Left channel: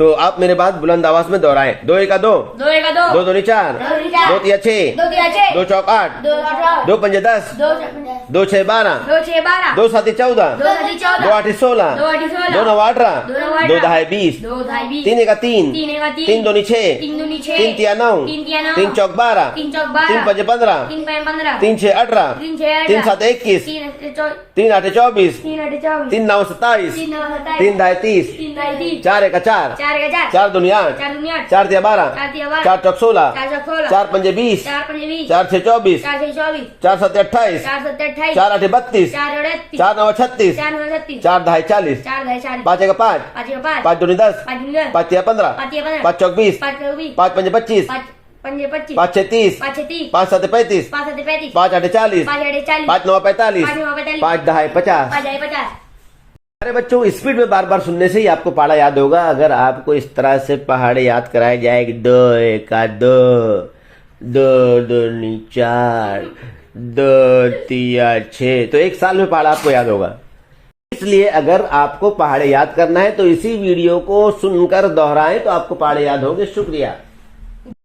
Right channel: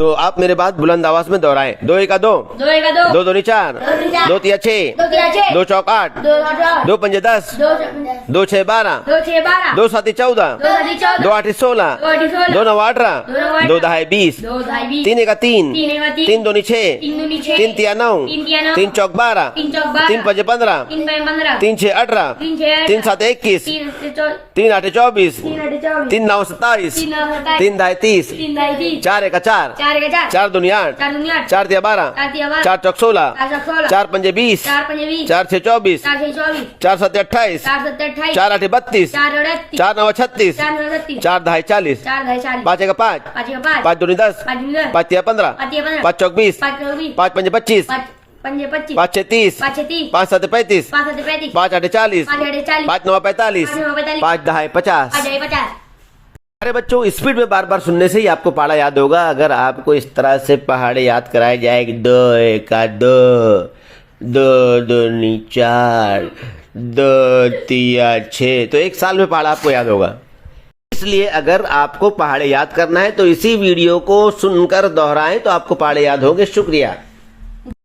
तो आप मेरे बात बुलंद आवाज में दोहराएं। 2 एका 2, 2 दूनी 4, 2 तिया 6, 2 चौक 8, 2 पंजे 10, 2 6 12, 2 7 14, 2 8 16, 2 9 18, 2 10 20, 3 एका 3, 3 दूनी 6, 3 तिया 9, 3 चौक 12, 3 पंजे 15, 3 6 18, 3 7 21, 3 8 24, 3 9 27, 3 10 30, 4 एका 4, 4 दूनी 8, 4 तिया 12, 4 चौक 16, 4 पंजे 20, 4 6 24, 4 7 28, 4 8 32, 4 9 36, 4 10 40, 5 एका 5, 5 दूनी 10, 5 तिया 15, 5 चौक 20, 5 पंजे 25, 5 6 30, 5 7 35, 5 8 40, 5 9 45, 5 10 50। अरे बच्चों, स्पीड में बार बार सुनने से ही आपको पहाड़ा याद होगा। अगर आपको इस तरह से पहाड़े याद कराए जाए कि 2 एका 2, 2 दूनी 4, 2 तिया 6, तो 1 साल में पहाड़ा आपको याद होगा। इसलिए अगर आपको पहाड़े याद करना है तो इसी वीडियो को सुनकर दोहराएं तो आपको पहाड़े याद होंगे। शुक्रिया।